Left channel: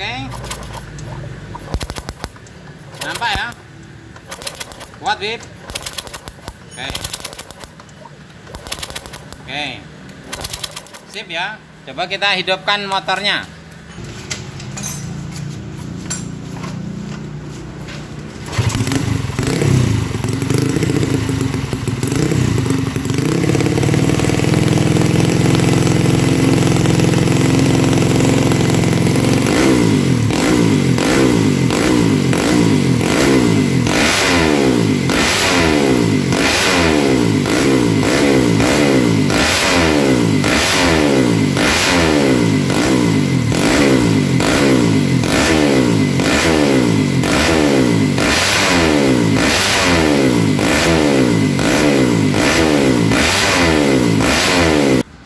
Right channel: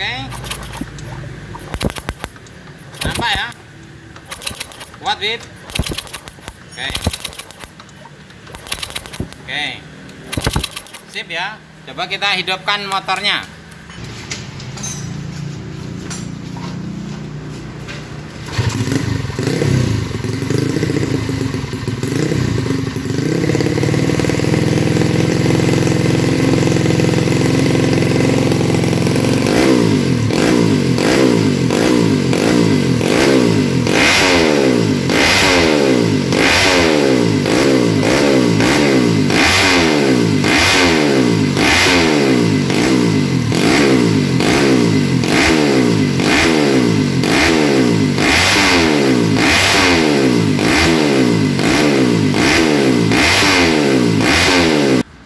Oke. Nampak ya? Kuat, Bib. Oke. Oke. Sip ya. Coba kita hidupkan motornya.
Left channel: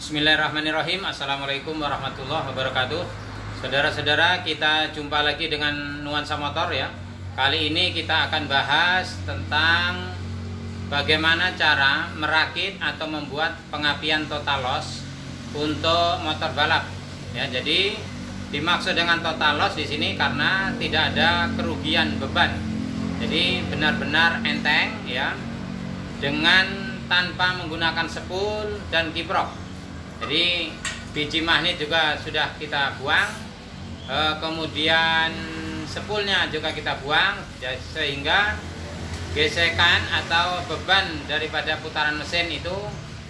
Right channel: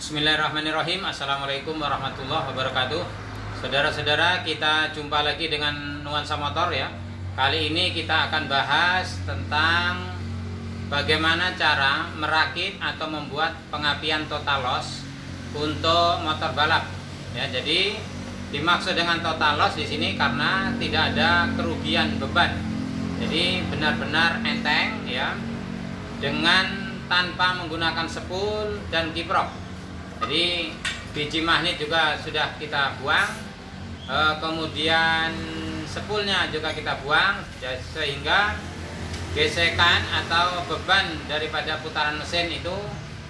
Bismillahirrahmanirrahim. Assalamualaikum warahmatullahi wabarakatuh. Saudara-saudara, kita jumpa lagi dengan Nuansa Motor ya. Kali ini kita akan bahas tentang bagaimana cara merakit atau membuat pengapian total loss untuk motor balap. Ya, jadi dimaksud dengan total loss di sini karena tidak ada kerugian beban. Jadi benar-benar enteng ya, dengan tanpa menggunakan spool dan kiprok. Jadi biji magnet juga sudah kita buang, kemudian spoolnya juga kita buang, sehingga gesekan atau beban daripada putaran mesin itu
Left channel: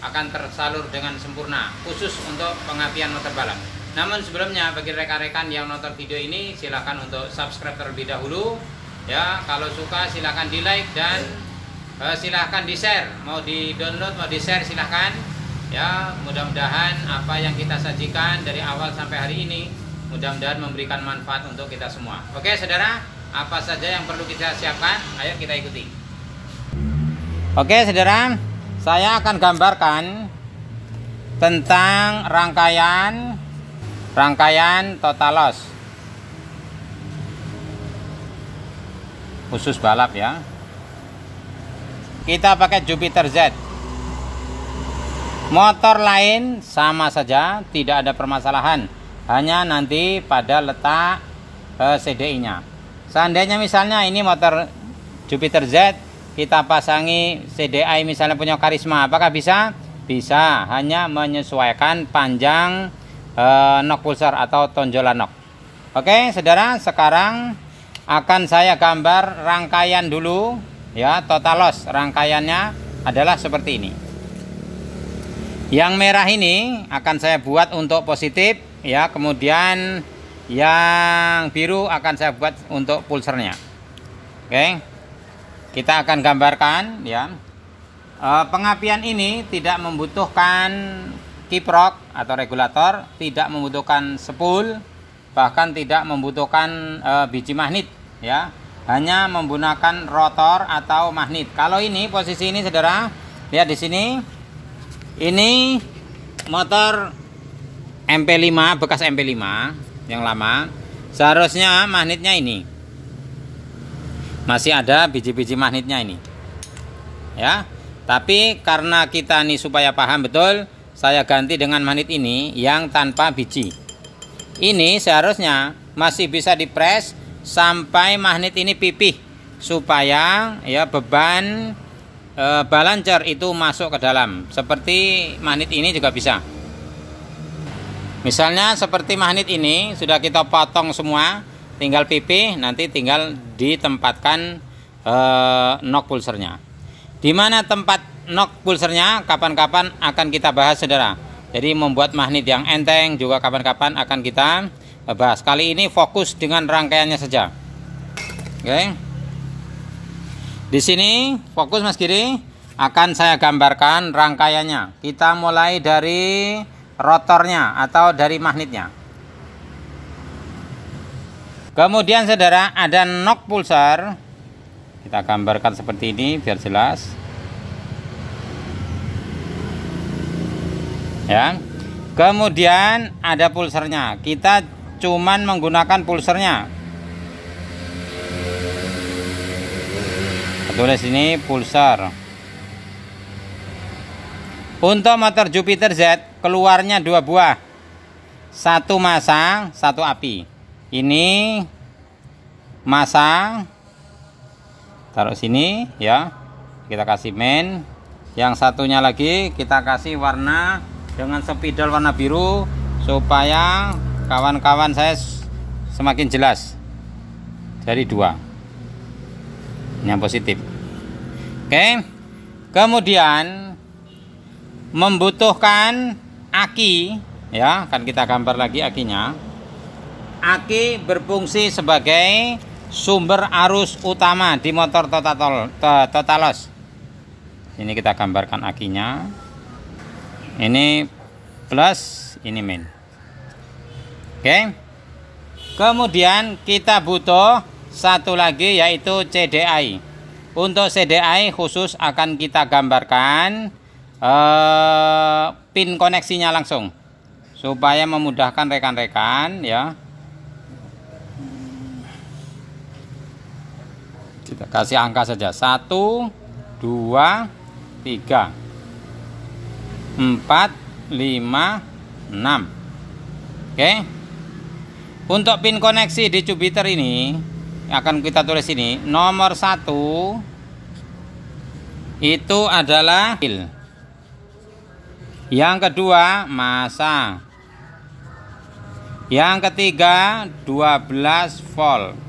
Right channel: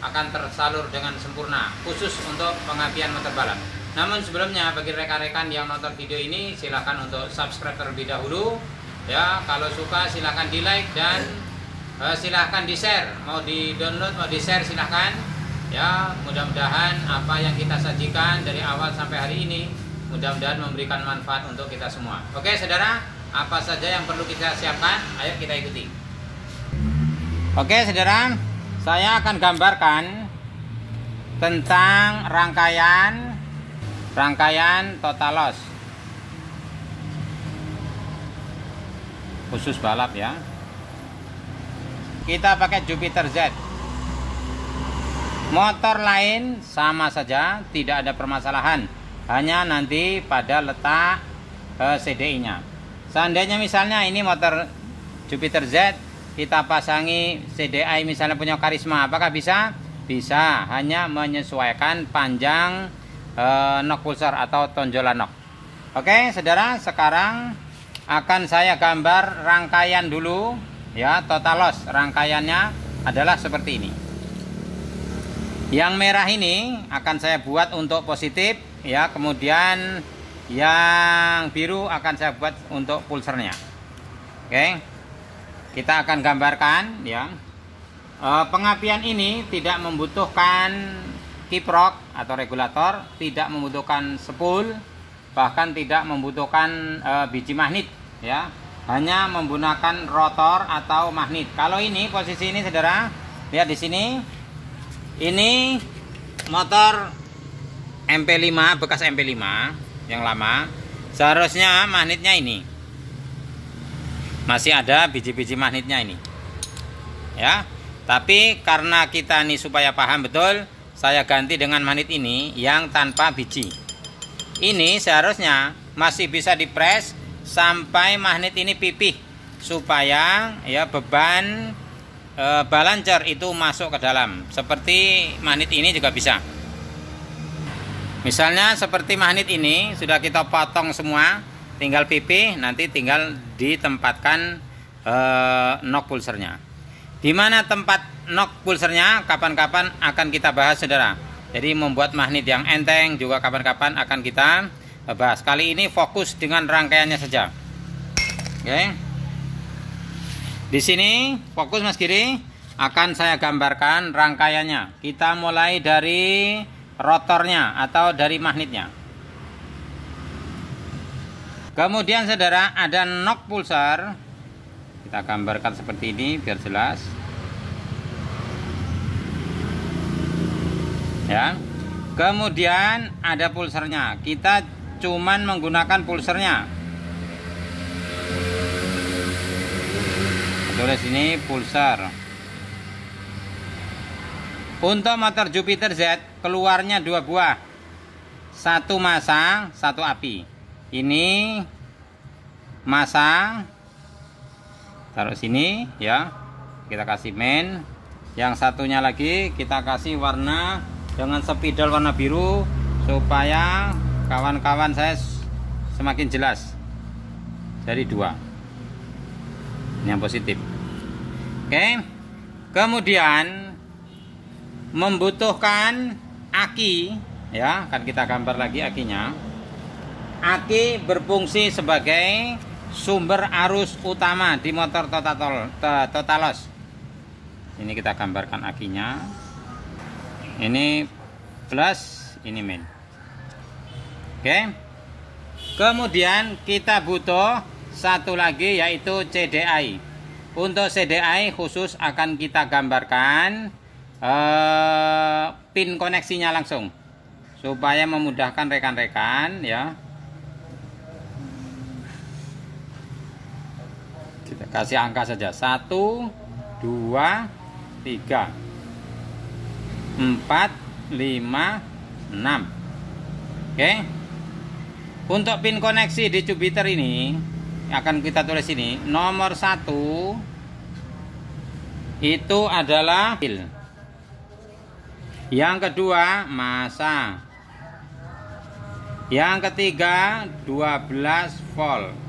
akan tersalur dengan sempurna, khusus untuk pengapian motor balap. Namun sebelumnya, bagi rekan-rekan yang nonton video ini, silahkan untuk subscribe terlebih dahulu ya. Kalau suka silahkan di like dan silahkan di share, mau di download mau di share silahkan ya. Mudah-mudahan apa yang kita sajikan dari awal sampai hari ini mudah-mudahan memberikan manfaat untuk kita semua. Oke saudara, apa saja yang perlu kita siapkan? Ayo kita ikuti. Oke saudara, saya akan gambarkan tentang rangkaian total loss khusus balap ya. Kita pakai Jupiter Z. Motor lain sama saja, tidak ada permasalahan, hanya nanti pada letak CDI-nya. Seandainya misalnya ini motor Jupiter Z, kita pasangi CDI misalnya punya Karisma, apakah bisa? Bisa, hanya menyesuaikan panjang nok pulsar atau tonjolan nok. Oke saudara, sekarang akan saya gambar rangkaian dulu ya, total loss. Rangkaiannya adalah seperti ini. Yang merah ini akan saya buat untuk positif ya, kemudian yang biru akan saya buat untuk pulsernya. Oke, kita akan gambarkan ya. Pengapian ini tidak membutuhkan kiprok atau regulator, tidak membutuhkan spool, bahkan tidak membutuhkan biji magnet ya, hanya menggunakan rotor atau magnet. Kalau ini posisi ini saudara, lihat di sini. Ini motor MP5, bekas MP5 yang lama. Seharusnya magnetnya ini masih ada biji-biji magnetnya ini ya. Tapi karena kita ini supaya paham betul, saya ganti dengan magnet ini yang tanpa biji. Ini seharusnya masih bisa dipres sampai magnet ini pipih, supaya ya beban balancer itu masuk ke dalam. Seperti magnet ini juga bisa. Misalnya seperti magnet ini sudah kita potong semua, tinggal pipih, nanti tinggal ditempatkan nok pulsernya. Di mana tempat nok pulsernya kapan-kapan akan kita bahas saudara. Jadi membuat magnet yang enteng juga kapan-kapan akan kita bahas. Kali ini fokus dengan rangkaiannya saja. Oke. Di sini fokus Mas Giri, akan saya gambarkan rangkaiannya. Kita mulai dari rotornya atau dari magnetnya. Kemudian saudara ada nok pulsar. Kita gambarkan seperti ini biar jelas. Ya. Kemudian ada pulsernya. Kita cuman menggunakan pulsernya. Tulis ini pulsar. Untuk motor Jupiter Z keluarnya 2 buah, 1 masang 1 api. ini masa, taruh sini ya, kita kasih main. Yang satunya lagi kita kasih warna dengan spidol warna biru supaya kawan-kawan saya semakin jelas. Dari 2 ini yang positif. Oke, kemudian membutuhkan aki ya, kan kita gambar lagi akinya. Aki berfungsi sebagai sumber arus utama di motor Totalos. Ini kita gambarkan akinya. Ini plus, ini min. Oke. Kemudian kita butuh satu lagi yaitu CDI. Untuk CDI khusus akan kita gambarkan pin koneksinya langsung supaya memudahkan rekan-rekan ya. Kita kasih angka saja 1, 2, 3, 4, 5, 6. Oke. Untuk pin koneksi di Jupiter ini akan kita tulis ini. Nomor 1 itu adalah pil. Yang kedua masa. Yang ketiga 12 volt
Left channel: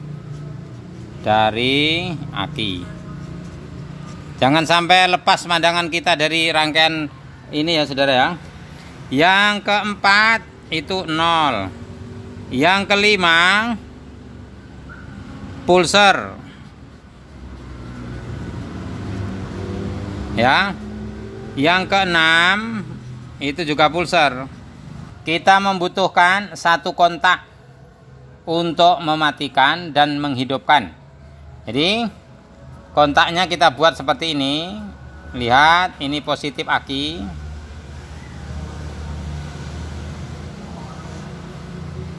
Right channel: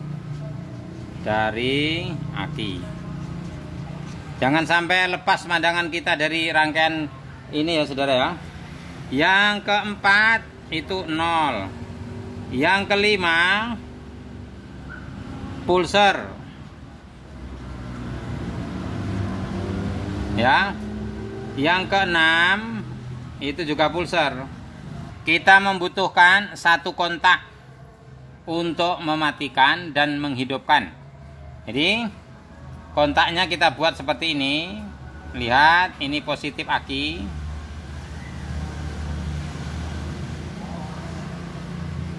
dari aki. Jangan sampai lepas pandangan kita dari rangkaian ini ya saudara ya. Yang keempat itu 0. Yang kelima pulser ya. Yang keenam itu juga pulser. Kita membutuhkan satu kontak untuk mematikan dan menghidupkan. Jadi kontaknya kita buat seperti ini. Lihat, ini positif aki.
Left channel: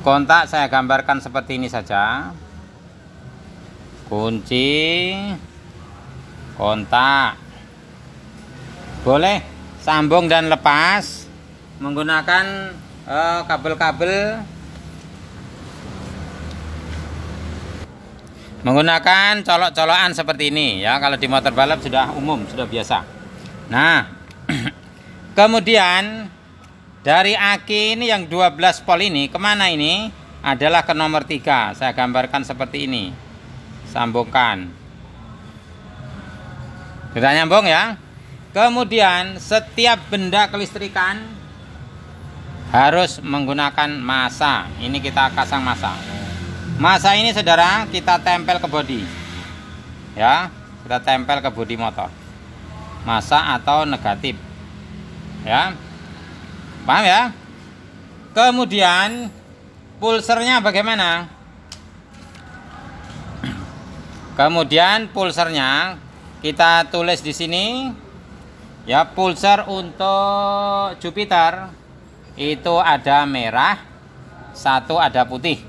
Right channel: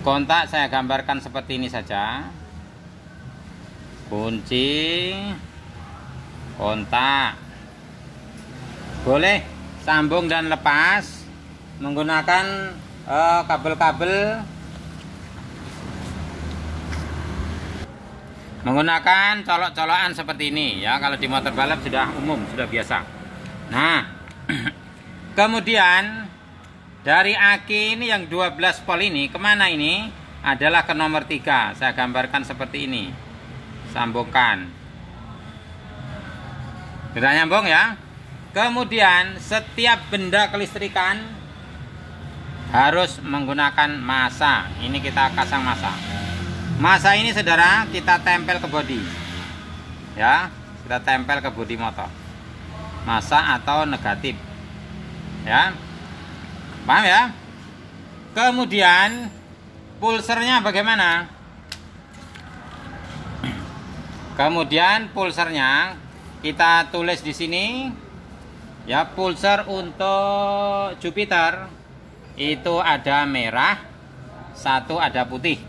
Kontak saya gambarkan seperti ini saja. Kunci kontak. Boleh sambung dan lepas menggunakan kabel-kabel, menggunakan colok-colokan seperti ini ya. Kalau di motor balap sudah umum, sudah biasa. Nah, kemudian dari aki ini yang 12 volt ini kemana ini? Adalah ke nomor 3. Saya gambarkan seperti ini. Sambungkan. Sudah nyambung ya. Kemudian setiap benda kelistrikan harus menggunakan masa. Ini kita pasang masa. Masa ini saudara kita tempel ke bodi. Ya, kita tempel ke bodi motor. Masa atau negatif. Ya. Paham ya? Kemudian pulsernya bagaimana? Kemudian pulsernya kita tulis di sini ya. Pulser untuk Jupiter itu ada merah, satu ada putih.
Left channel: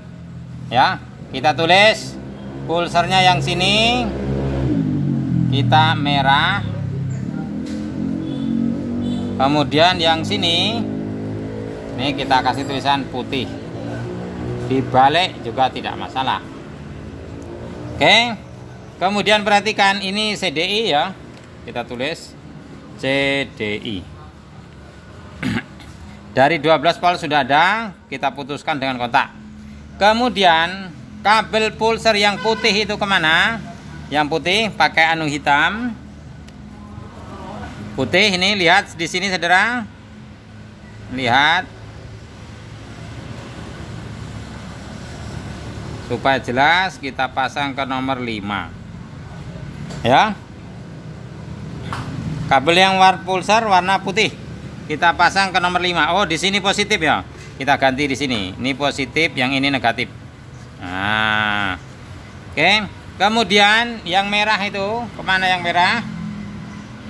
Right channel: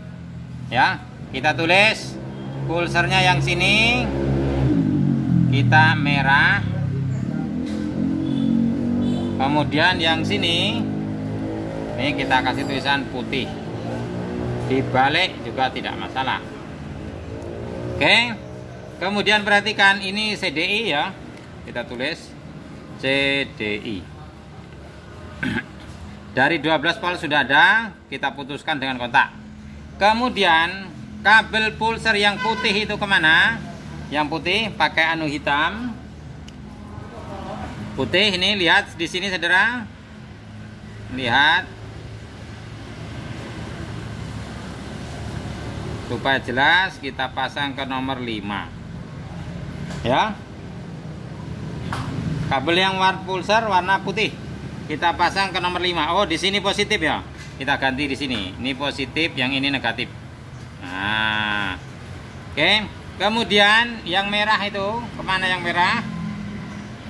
Ya, kita tulis pulsernya yang sini kita merah. Kemudian yang sini ini kita kasih tulisan putih. Dibalik juga tidak masalah. Oke. Kemudian perhatikan ini CDI ya. Kita tulis CDI. Dari 12 volt sudah ada, kita putuskan dengan kontak. Kemudian kabel pulser yang putih itu kemana? Yang putih pakai anu hitam. Putih ini lihat di sini saudara. Lihat. Supaya jelas kita pasang ke nomor 5. Ya. Kabel yang pulser warna putih kita pasang ke nomor 5. Oh, di sini positif ya. Kita ganti di sini. Ini positif, yang ini negatif. Nah. Oke. Kemudian yang merah itu, kemana yang merah?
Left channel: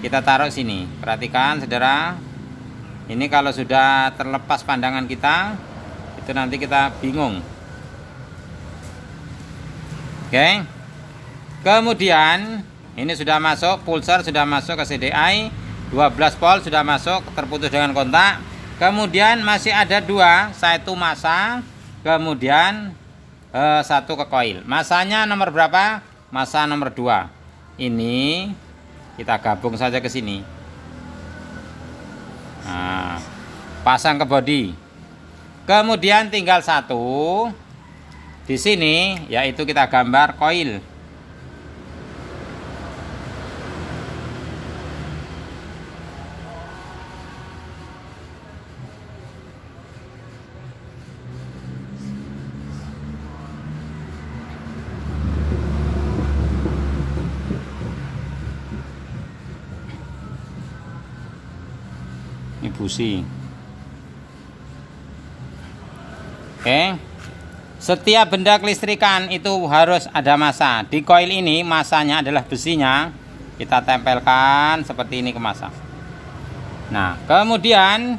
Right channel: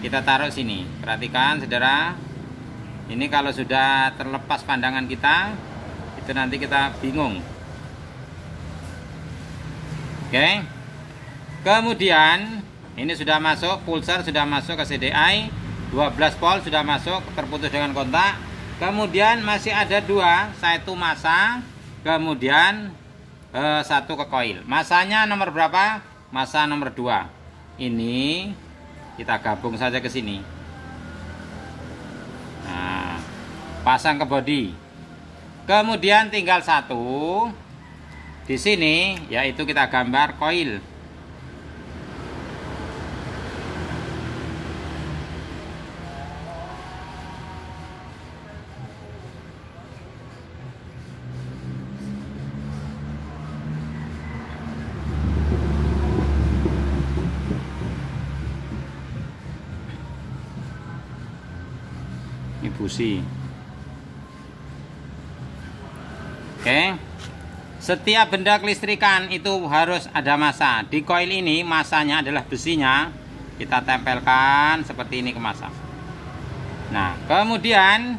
Kita taruh sini. Perhatikan saudara. Ini kalau sudah terlepas pandangan kita, itu nanti kita bingung. Oke. Kemudian ini sudah masuk, pulser sudah masuk ke CDI, 12 volt sudah masuk, terputus dengan kontak. Kemudian masih ada 2, satu masa, kemudian satu ke koil. Masanya nomor berapa? Masa nomor 2. Ini kita gabung saja ke sini. Nah, pasang ke body. Kemudian tinggal satu di sini, yaitu kita gambar koil. Ini busi. Oke. Setiap benda kelistrikan itu harus ada massa. Di koil ini massanya adalah besinya. Kita tempelkan seperti ini ke massa. Nah, kemudian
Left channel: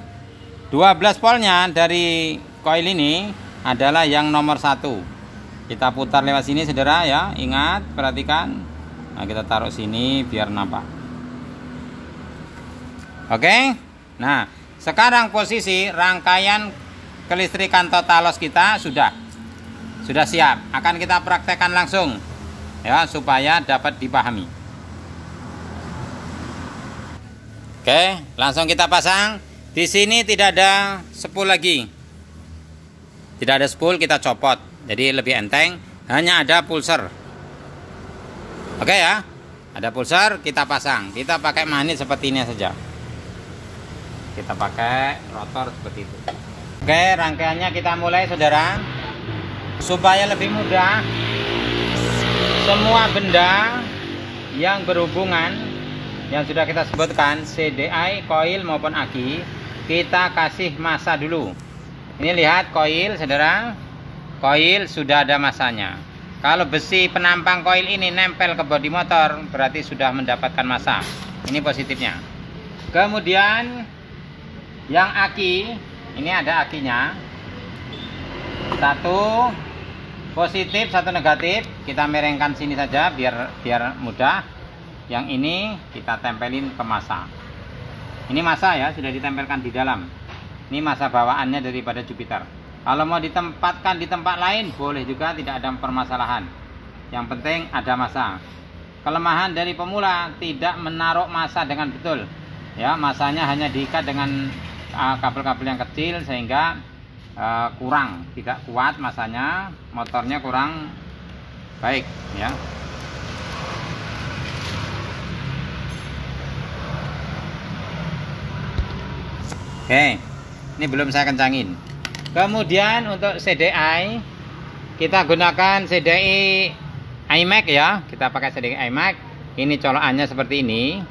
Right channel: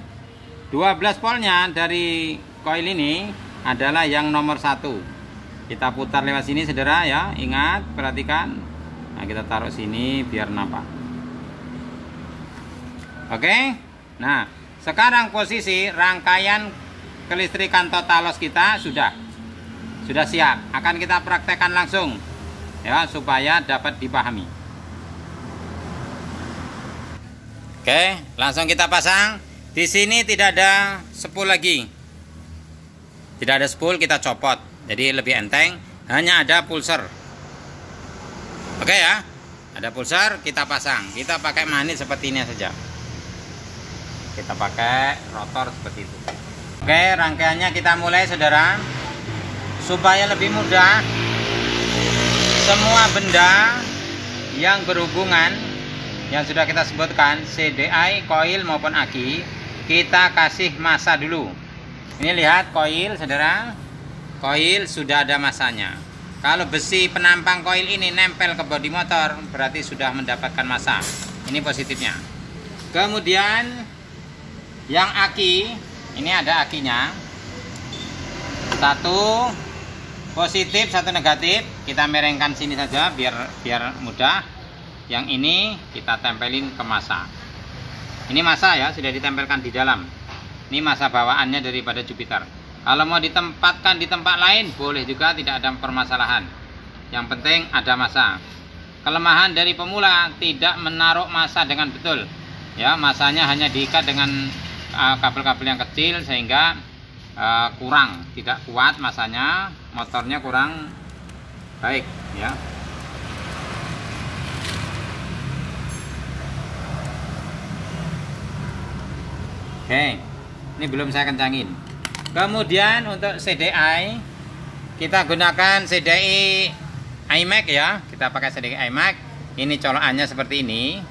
12 voltnya dari koil ini adalah yang nomor 1. Kita putar lewat sini saudara ya. Ingat, perhatikan. Nah, kita taruh sini biar nampak. Oke. Nah, sekarang posisi rangkaian kelistrikan totalos kita sudah siap. Akan kita praktekkan langsung ya supaya dapat dipahami. Oke, langsung kita pasang. Di sini tidak ada spool lagi. Tidak ada spool, kita copot. Jadi lebih enteng, hanya ada pulser. Oke ya. Ada pulser, kita pasang. Kita pakai magnet seperti ini saja. Kita pakai rotor seperti itu. Oke, rangkaiannya kita mulai saudara. Supaya lebih mudah, semua benda yang berhubungan yang sudah kita sebutkan, CDI, koil maupun aki, kita kasih massa dulu. Ini lihat koil saudara. Koil sudah ada massanya. Kalau besi penampang koil ini nempel ke bodi motor, berarti sudah mendapatkan massa. Ini positifnya. Kemudian yang aki, ini ada akinya. Satu positif, satu negatif. Kita merengkan sini saja biar mudah. Yang ini kita tempelin ke massa. Ini massa ya, sudah ditempelkan di dalam. Ini massa bawaannya daripada Jupiter. Kalau mau ditempatkan di tempat lain boleh juga, tidak ada permasalahan. Yang penting ada massa. Kelemahan dari pemula tidak menaruh massa dengan betul. Ya, massanya hanya diikat dengan kabel-kabel yang kecil sehingga tidak kuat massanya, motornya kurang baik ya. Oke, ini belum saya kencangin. Kemudian untuk CDI kita gunakan CDI iMax ya. Kita pakai CDI iMax. Ini colokannya seperti ini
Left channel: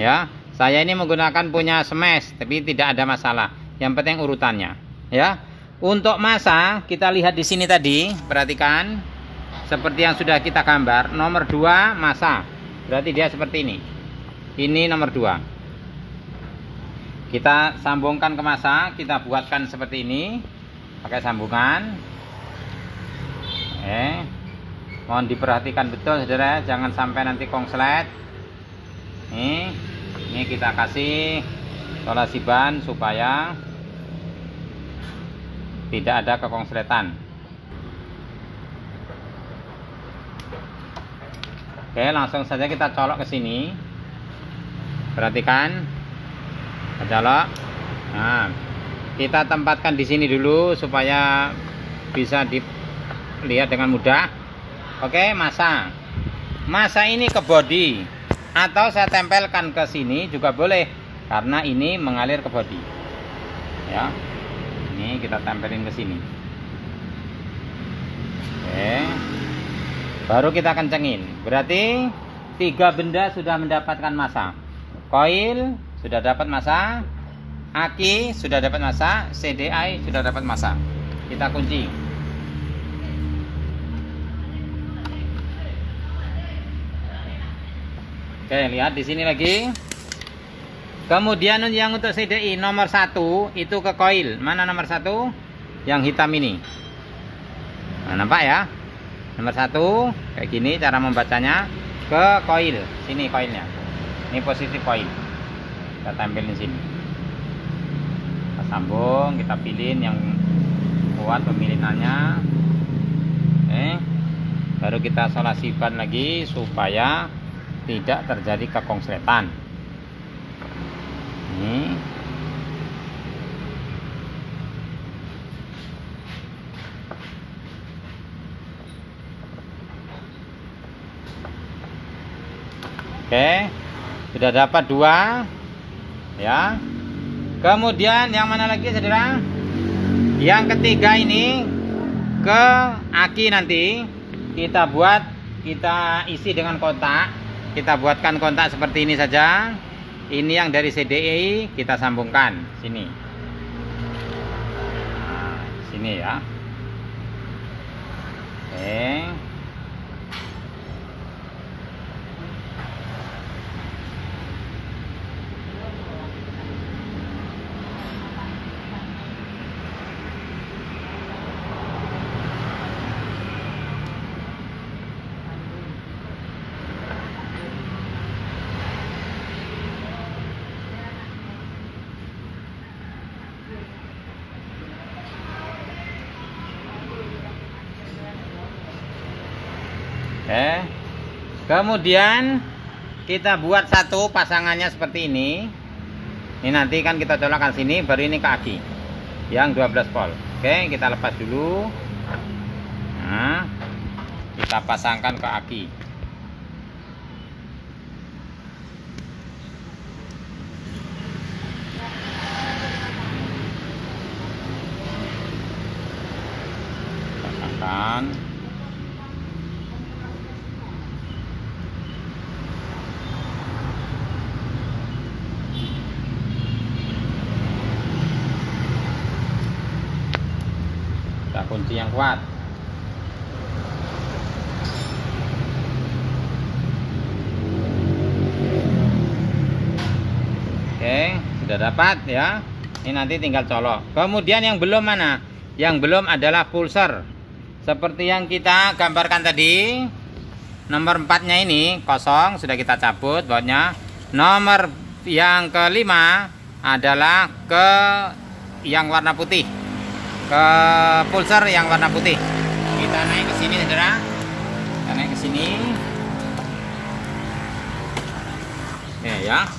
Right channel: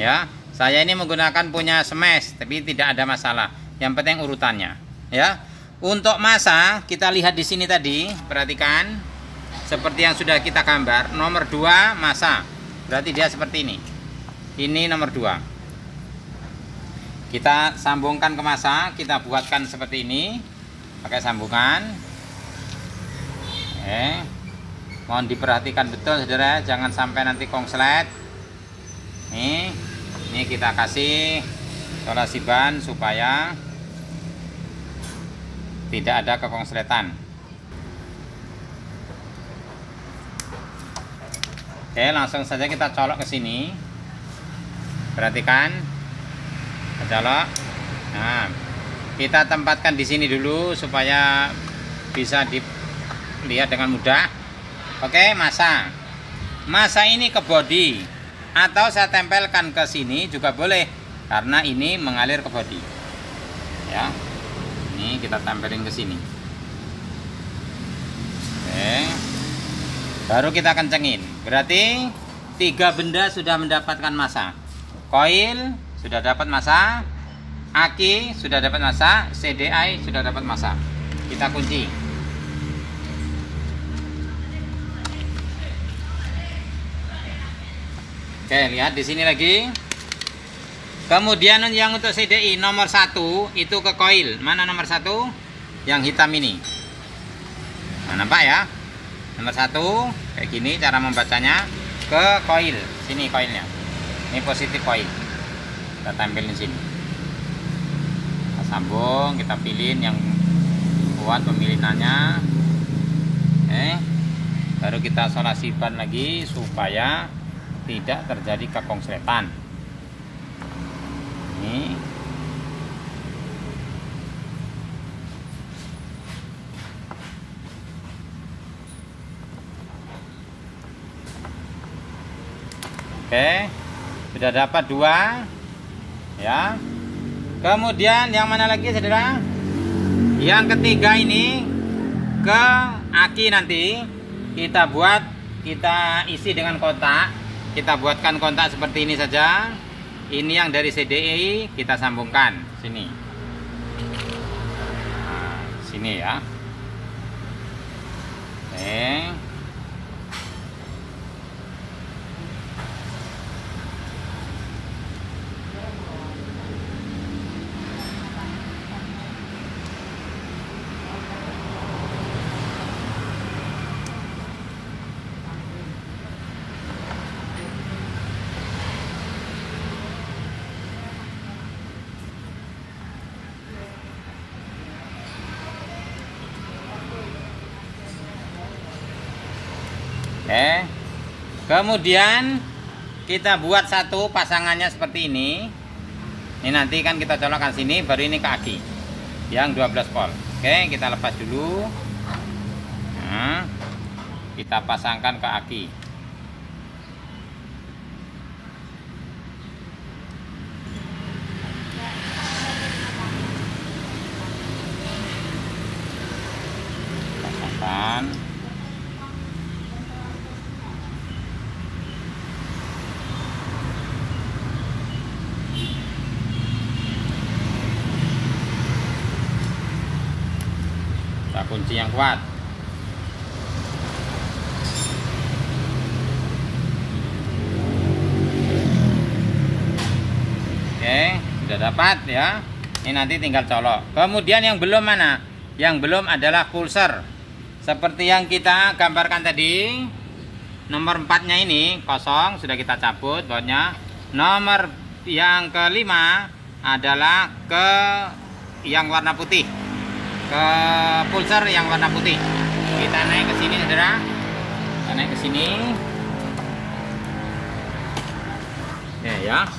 ya. Saya ini menggunakan punya Smash, tapi tidak ada masalah. Yang penting urutannya, ya. Untuk massa kita lihat di sini tadi, perhatikan seperti yang sudah kita gambar. Nomor 2 massa, berarti dia seperti ini. Ini nomor 2. Kita sambungkan ke massa, kita buatkan seperti ini, pakai sambungan. Mohon diperhatikan betul, saudara, jangan sampai nanti kongslet. Ini kita kasih solasi ban supaya tidak ada kekonsletan. Oke, langsung saja kita colok ke sini. Perhatikan, colok. Nah, kita tempatkan di sini dulu supaya bisa dilihat dengan mudah. Oke, massa ini ke bodi. Atau saya tempelkan ke sini juga boleh, karena ini mengalir ke bodi. Ya, ini kita tempelin ke sini. Oke, baru kita kencengin. Berarti 3 benda sudah mendapatkan massa. Koil sudah dapat massa, aki sudah dapat massa, CDI sudah dapat massa. Kita kunci. Oke, lihat di sini lagi. Kemudian yang untuk CDI nomor 1 itu ke koil. Mana nomor 1? Yang hitam ini. Nah, nampak ya? Nomor 1 kayak gini cara membacanya, ke koil. Sini koilnya. Ini positif koil. Kita tempelin sini. Kita sambung, kita pilihin yang kuat pemilinannya. Baru kita solasi ban lagi supaya tidak terjadi kekonsletan. Ini oke, sudah dapat 2 ya. Kemudian yang mana lagi saudara? Yang ketiga ini ke aki nanti kita isi dengan kotak. Kita buatkan kontak seperti ini saja. Ini yang dari CDI kita sambungkan sini. Nah, sini ya. Oke. Kemudian kita buat satu pasangannya seperti ini. Ini nanti kan kita colokkan sini, baru ini ke aki yang 12 volt. Oke, kita lepas dulu. Nah, kita pasangkan ke aki. Pasangkan. Kunci yang kuat. Oke, sudah dapat ya. Ini nanti tinggal colok. Kemudian yang belum mana? Yang belum adalah pulser. Seperti yang kita gambarkan tadi. Nomor 4-nya ini kosong, sudah kita cabut bautnya. Nomor yang kelima adalah ke yang warna putih. Ke pulser yang warna putih. Kita naik ke sini saudara. Kita naik ke sini. Oke ya.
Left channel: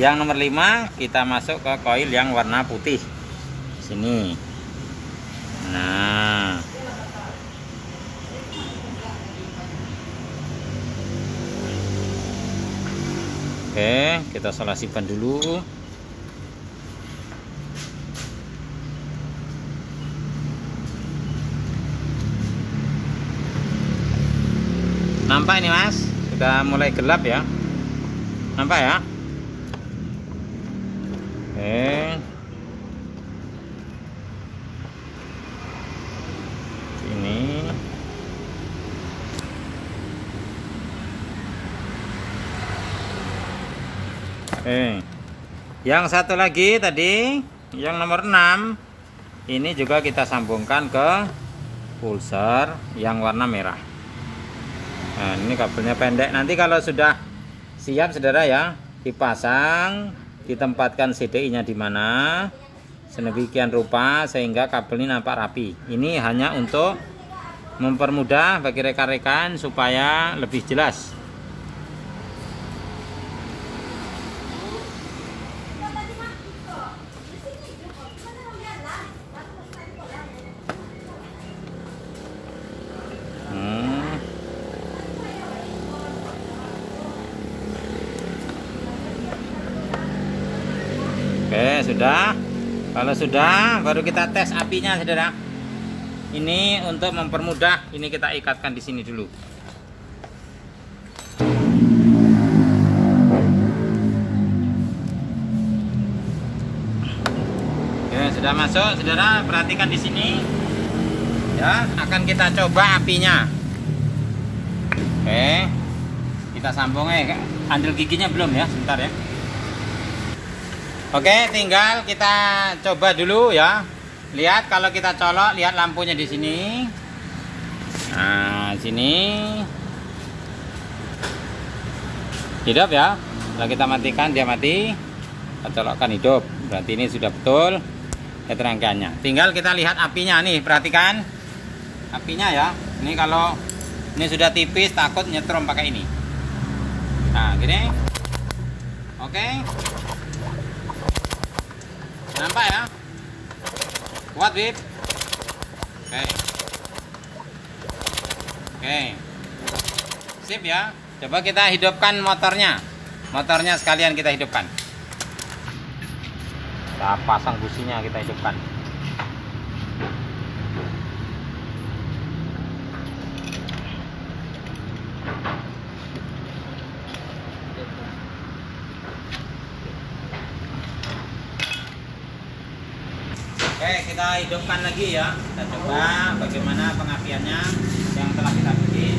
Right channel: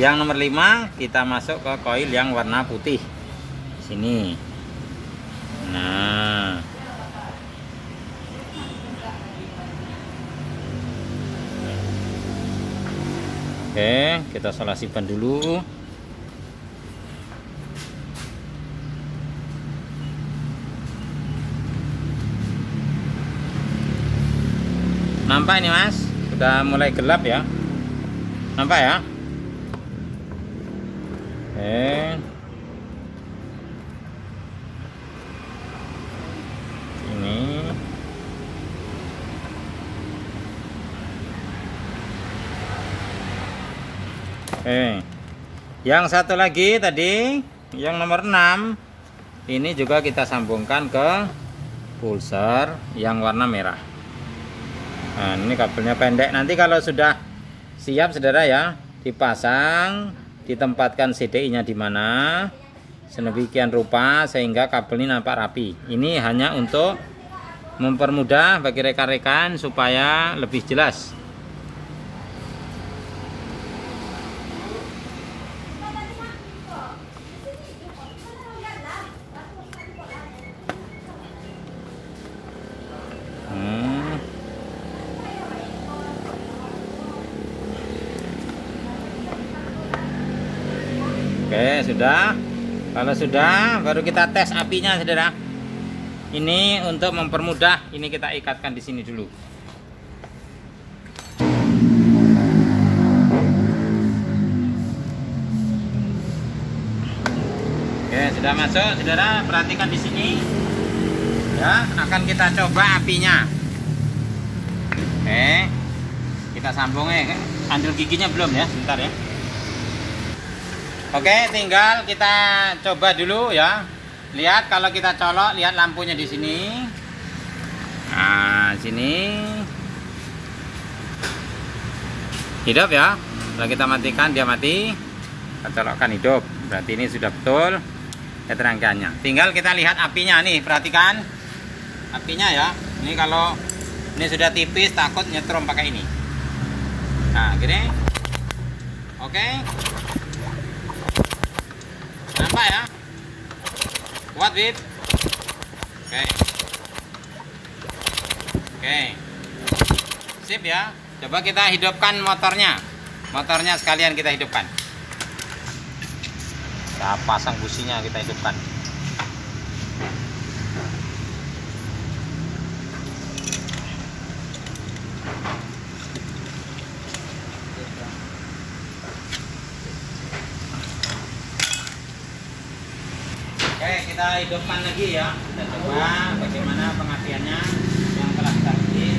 Yang nomor 5 kita masuk ke koil yang warna putih. Sini. Nah. Oke, kita solasi ban dulu. Nampak ini mas, sudah mulai gelap ya. Nampak ya. Oke. Ini. Oke. Yang satu lagi tadi, yang nomor 6. Ini juga kita sambungkan ke pulser yang warna merah. Nah, ini kabelnya pendek. Nanti kalau sudah siap saudara ya, dipasang, ditempatkan CDI-nya di mana, sedemikian rupa sehingga kabel ini nampak rapi. Ini hanya untuk mempermudah bagi rekan-rekan supaya lebih jelas. Oke, sudah. Kalau sudah, baru kita tes apinya, saudara. Ini untuk mempermudah, ini kita ikatkan di sini dulu. Oke, sudah masuk, saudara. Perhatikan di sini. Ya, akan kita coba apinya. Oke, kita sambung ya. Andul giginya belum ya, sebentar ya. Oke, tinggal kita coba dulu ya. Lihat kalau kita colok, lihat lampunya di sini. Nah, sini hidup ya. Setelah kita matikan, dia mati. Kita colokkan hidup. Berarti ini sudah betul keterangkannya. Tinggal kita lihat apinya nih, perhatikan apinya ya. Ini kalau ini sudah tipis takut nyetrum pakai ini. Nah, gini. Oke. Nampak ya? Kuat, Bib. Oke. Oke. Sip ya. Coba kita hidupkan motornya. Motornya sekalian kita hidupkan. Kita pasang businya, kita hidupkan. Oke, kita hidupkan lagi ya. Kita coba bagaimana pengapiannya yang telah kita bikin.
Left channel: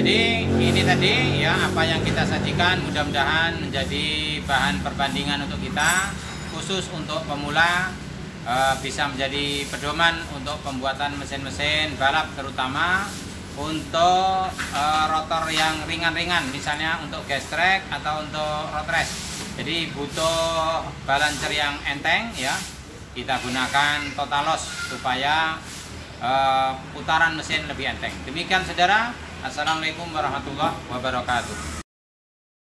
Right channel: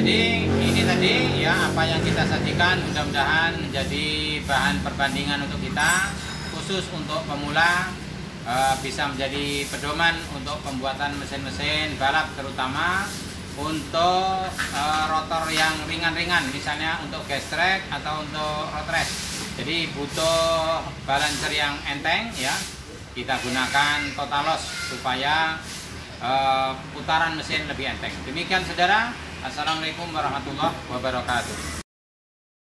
Jadi ini tadi ya apa yang kita sajikan, mudah-mudahan menjadi bahan perbandingan untuk kita, khusus untuk pemula, bisa menjadi pedoman untuk pembuatan mesin-mesin balap, terutama untuk rotor yang ringan-ringan, misalnya untuk gas track atau untuk road race. Jadi butuh balancer yang enteng ya, kita gunakan Totalos supaya putaran mesin lebih enteng. Demikian saudara. Assalamualaikum warahmatullahi wabarakatuh.